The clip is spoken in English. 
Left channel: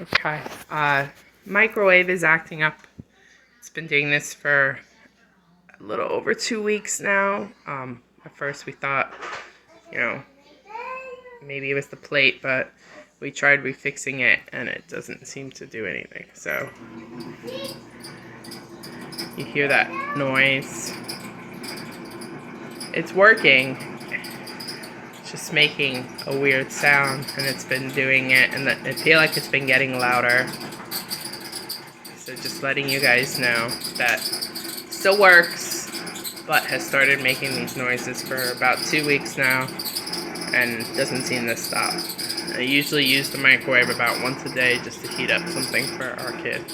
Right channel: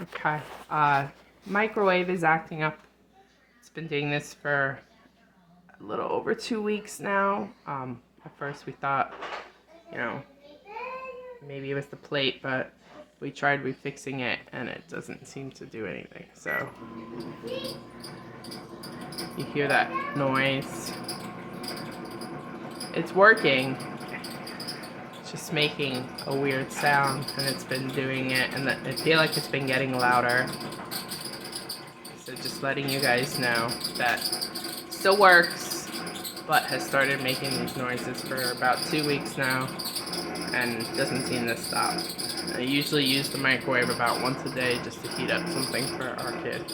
Okay. Microwave is acting up. It's been doing this for a little over 2 weeks now. At first we thought, you know, maybe it was the plate, but we tried refixing it and it doesn't seem to do anything. So you hear that noise. It's working. It's just making a weird sound, and it's been doing it, and I feel like it's been getting louder. So just letting you guys know that still works, but has started making these noises for about 2 weeks now and doesn't seem to stop. I usually use the microwave about once a day just to heat up something for our kid.